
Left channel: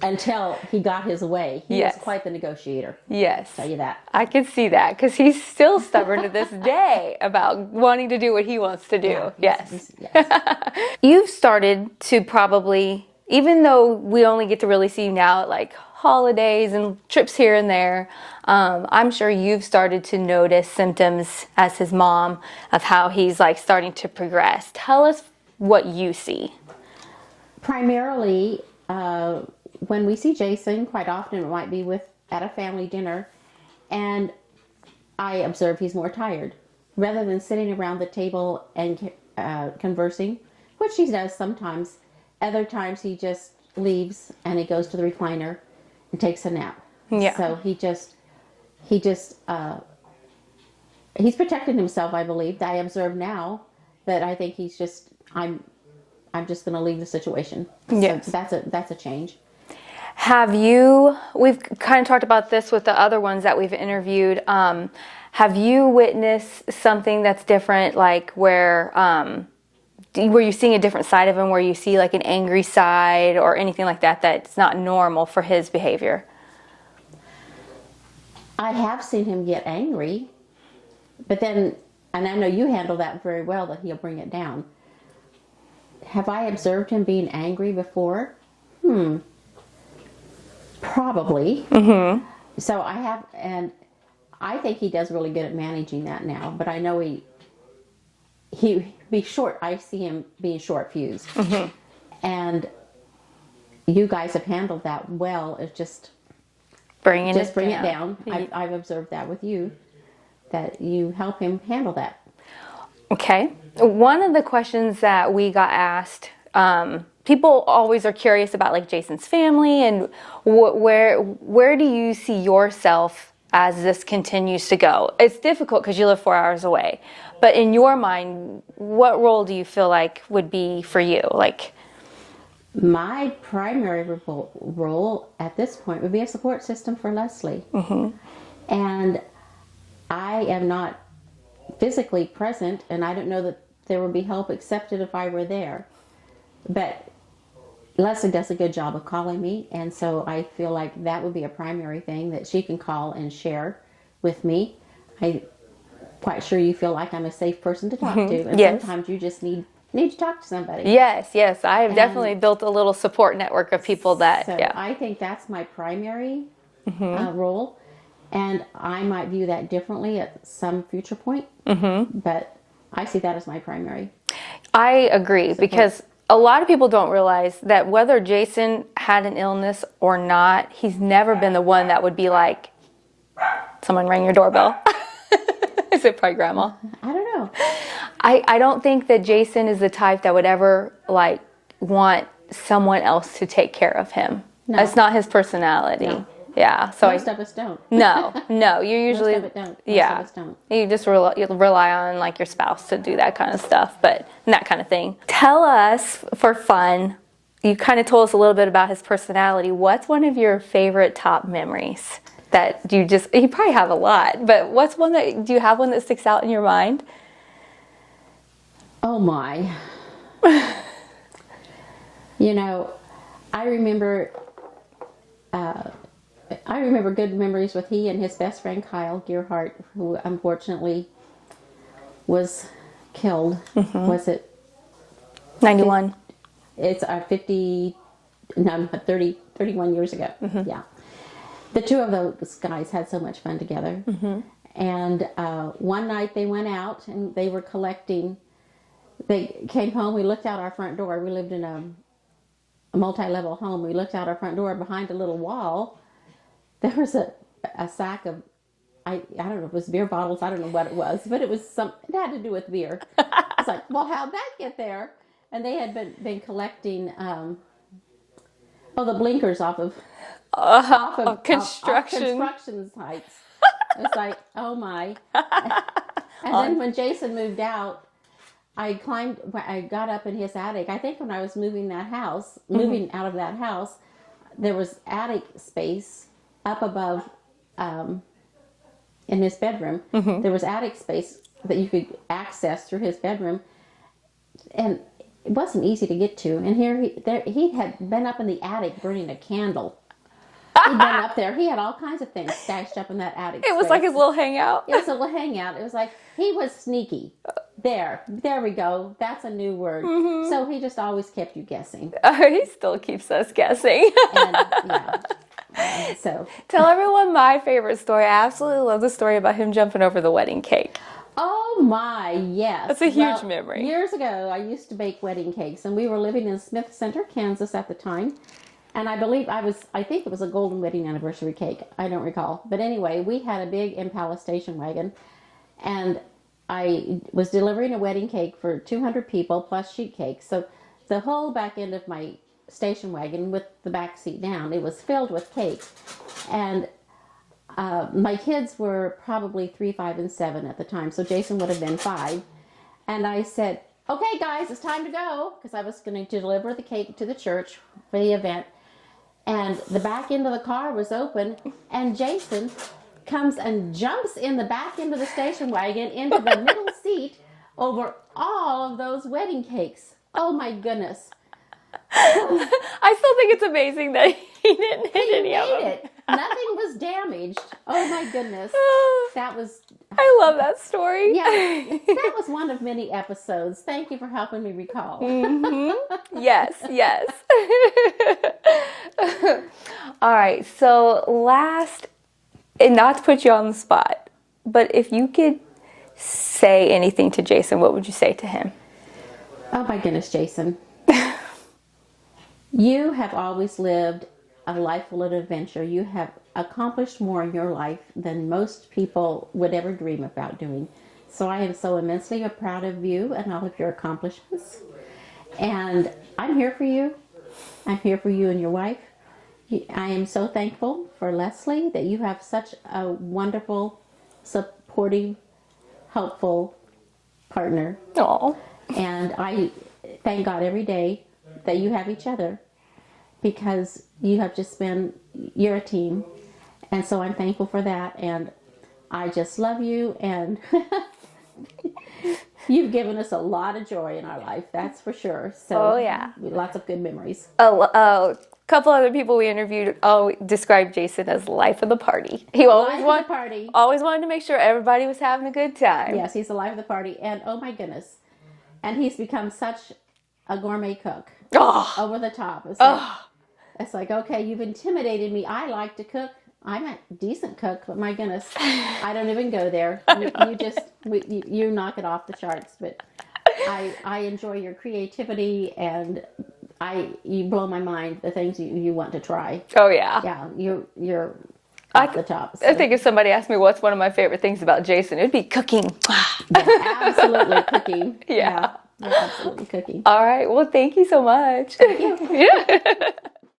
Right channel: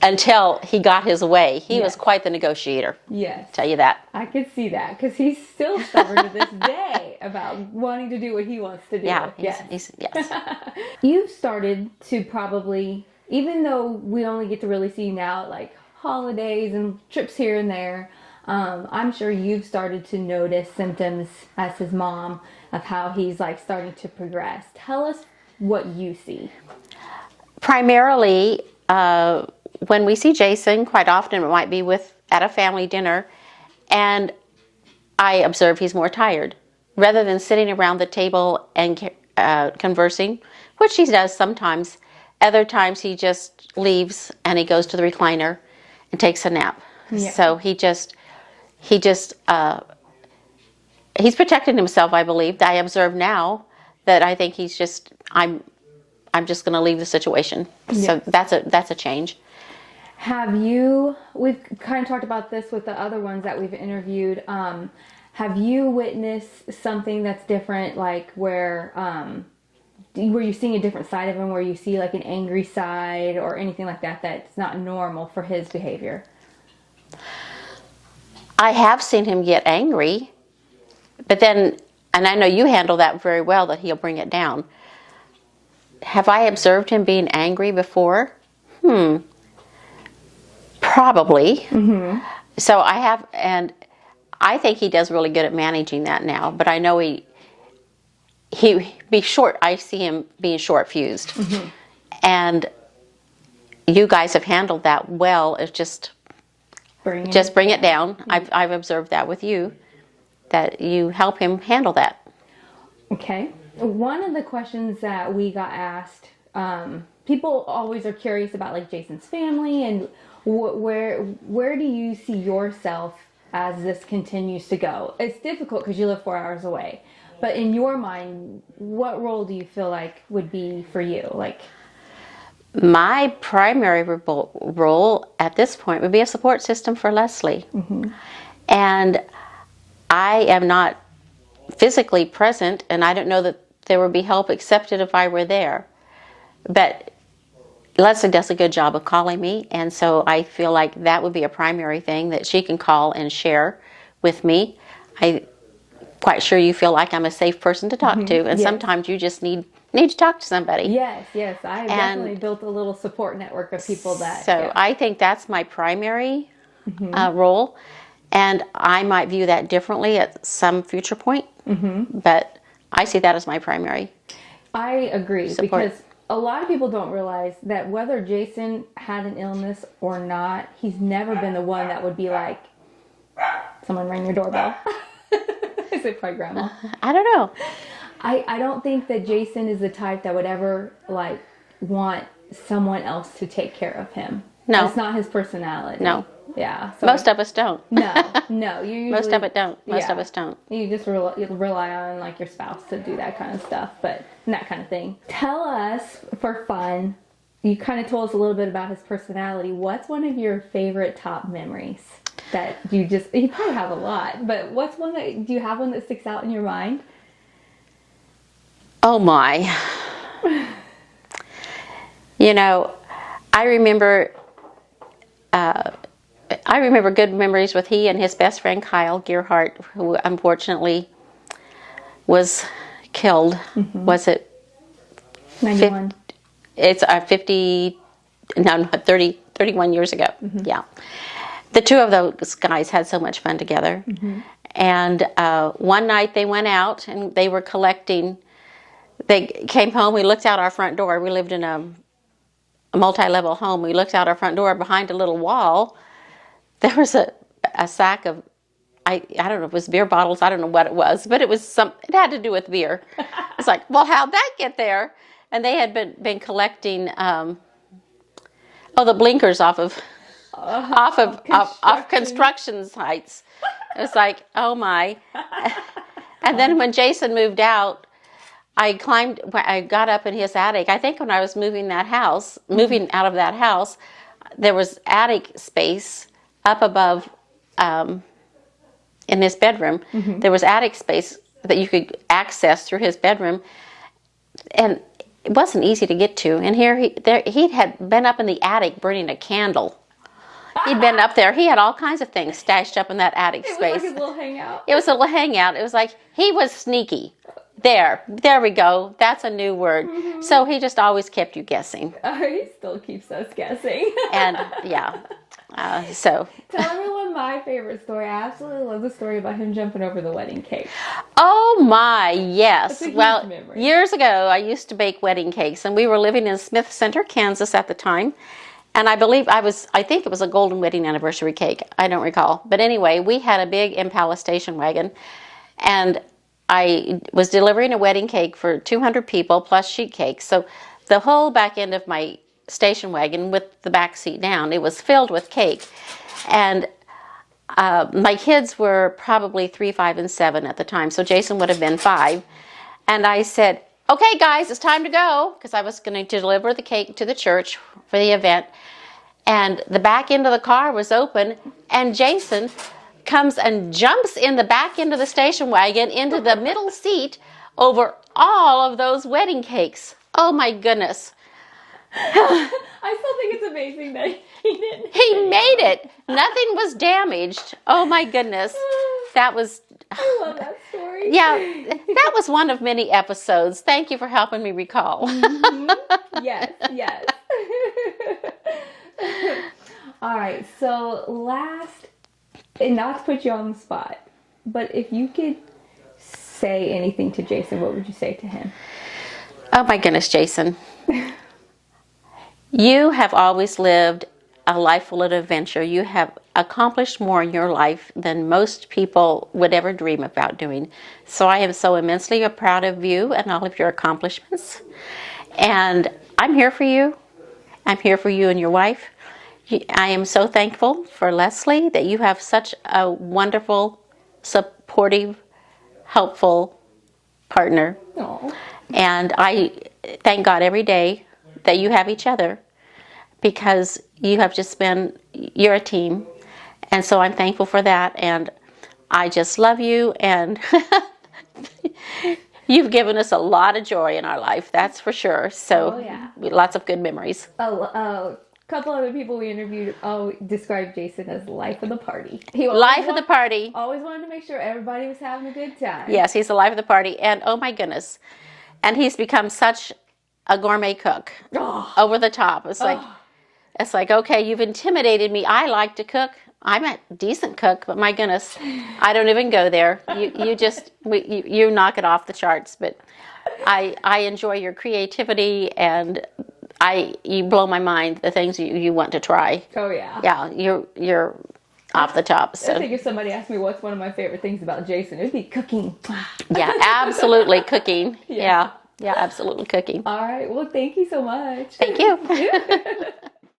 until he got his way. He was quite the negotiator. Yes. Tell you that. I could see that because he's still stubborn to this day about wanting to do what he wants to do. Yeah. Yes. Yes. You've started to probably, even though we only get to really see you now at like holidays and trips here and there, I'm sure you've started to notice symptoms as his mom of how he's like starting to progress. Tell us what you see. Primarily, when we see Jason, quite often it might be at a family dinner, and I observe he's more tired. Rather than sitting around the table and conversing, which he does sometimes, other times he just leaves and he goes to the recliner and takes a nap. Yeah. So he's protecting himself, I believe. I observe now that I think he's just, I'm just going to leave the situation. Yes. So that's a change. We've kind of talked about this with the other ones that we've interviewed. Have you witnessed something that's different, like were you seeing a different side of him, where you see like an angry side or anything like that that's not normal for his behavior? I have seen him get angry, but then, and I know you handle that very well, that he'll bring it down. Have I observed him being angry before? Probably. Mm-hmm. So I have, and I think he does really good at managing that now, but I know I see him being short-fused. Mm-hmm. And you guys have handled that well. It's just bring it down. I've observed that with you, that you help him handle that. Okay. One of the questions that we got asked, people always are curious about like Jason's family and where do you see yourself as this continues to go? It's difficult because you live 4 hours away, but in your mind, what role do you feel like would be for you? Like, my primary role at this point would be a support system for Leslie. Mm-hmm. And I am not physically present, and I don't know that there would be help accepted if I were there. But Leslie does a good job of calling me, and so I feel like that would be a primary thing that she can call and share with me. I'm quite sure you feel like I'm a safe person to talk to, and sometimes you just need to talk to somebody. Yes. I've definitely built a little support network of people that... So I think that's my primary role, and I might view that differently at some future point, but I see that as my primary. I agree, support. because a lot of people don't realize that whether Jason had an illness or not, he's never been the one that would be like, someone rang your doorbell. Is it probably grandma? I don't know. I don't think that Jason is the type that would ever like want someone else to take care of him. No. That's not his personality. No. Yeah. So Most of us don't. No. You usually... Most of it don't. Most of us don't. You just rely on like your spouse to do that kind of stuff, and that kind of thing. Tell us, for fun, you kind of told us a little bit about his personality. What's one of your favorite top memories that you probably have a lot, but do you have one that sticks out in your mind? Oh my. I remember good memories with he and his best friend Kyle Gearhart, who unfortunately was killed. Mm-hmm. Was it 91? It's 31 years ago. Mm-hmm. Yeah. The two of those guys had so much fun together. Mm-hmm. And one night they went out and they were collecting. They came home, we looked out our front door. We lived in a multi-level home. We looked out our front door. Behind a little wall, there was a sack of, I don't know if it was beer bottles, I don't know what it was, but it had to do with beer. It's like, well, how'd that get there? And they had been collecting, the blinkers off of construction sites. It's like, oh my. And then when Jason moved out, I got up in his attic. I think when I was moving out of that house, there was attic space up above in his bedroom. There was attic space that you could access through his bedroom, and it wasn't easy to get to. And here he had been up in the attic burning a candle. He'd been up there. He had all kinds of things stashed up in that attic space. It was like his little hangout. It was a little hangout. It was like he was sneaky. There we go. That's a new word. So he just always kept you guessing. He still keeps us guessing. And yeah, so. Tell everyone my favorite story. I absolutely love the story about him jumping over the wedding cake. Oh my, yes. That's a huge memory. Years ago, I used to bake wedding cakes, and we were living in Smith Center, Kansas at the time. And I think it was a golden wedding anniversary cake. I don't recall. But anyway, we had a big Impala station wagon, and I was delivering a wedding cake for 200 people plus sheet cake. So the whole back end of my station wagon with the back seat down, it was filled with cake. And my kids were probably 3, 5, and 7 at the time. So Jason would have been 5. And I said, okay, guys, it's time to go, because I was going to deliver the cake to the church for the event. And the back end of the car was open, and Jason comes and jumps in the back end of the station wagon into the middle seat over all of those wedding cakes. Oh my goodness. I still think it's amazing that he didn't hit He any made of them. it. Nothing was damaged. Oh my goodness. That was... I love that story. Yeah, that was one of many episodes. Thank you for helping me recall. Yes, yes. All right, so last, and not to put you on the spot, but if you could say anything to Jason, what would you say to him? Oh my goodness, Jason. You have always lived a life full of adventure. You have accomplished more in your life than most people would ever dream about doing. So I am so immensely proud of you and all of your accomplishments. And I'm here for you. I'm here for you and your wife. I am so thankful for Leslie that you have such a wonderful, supportive, helpful partner. Aw. And I thank God every day that you have each other, because you're a team. And so I'm thankful for that. And I just love you. And you've given us a lot of joy in our life, that's for sure. So Oh, yeah. Lots of good memories. A couple other people we interviewed described Jason as life of the party. He Life of the party. always wanted to make sure everybody was having a good time. Yes, he's the life of the party. And oh my goodness. And he's become such a gourmet cook. Over the top. It's like, okay, you've intimidated me. I like to cook. I'm a decent cook, but my goodness, I don't even go there. You knock it off the charts. But I enjoy your creativity, and you blow my mind, the things you want to try. Oh, yeah. Yeah, you're off the top. So. I think if somebody asked me what's one of my favorite things about Jason, it would be cooking. Yeah, absolutely cooking. Yeah. Yeah, absolutely cooking. All right. Well, thank you so much. Thank you.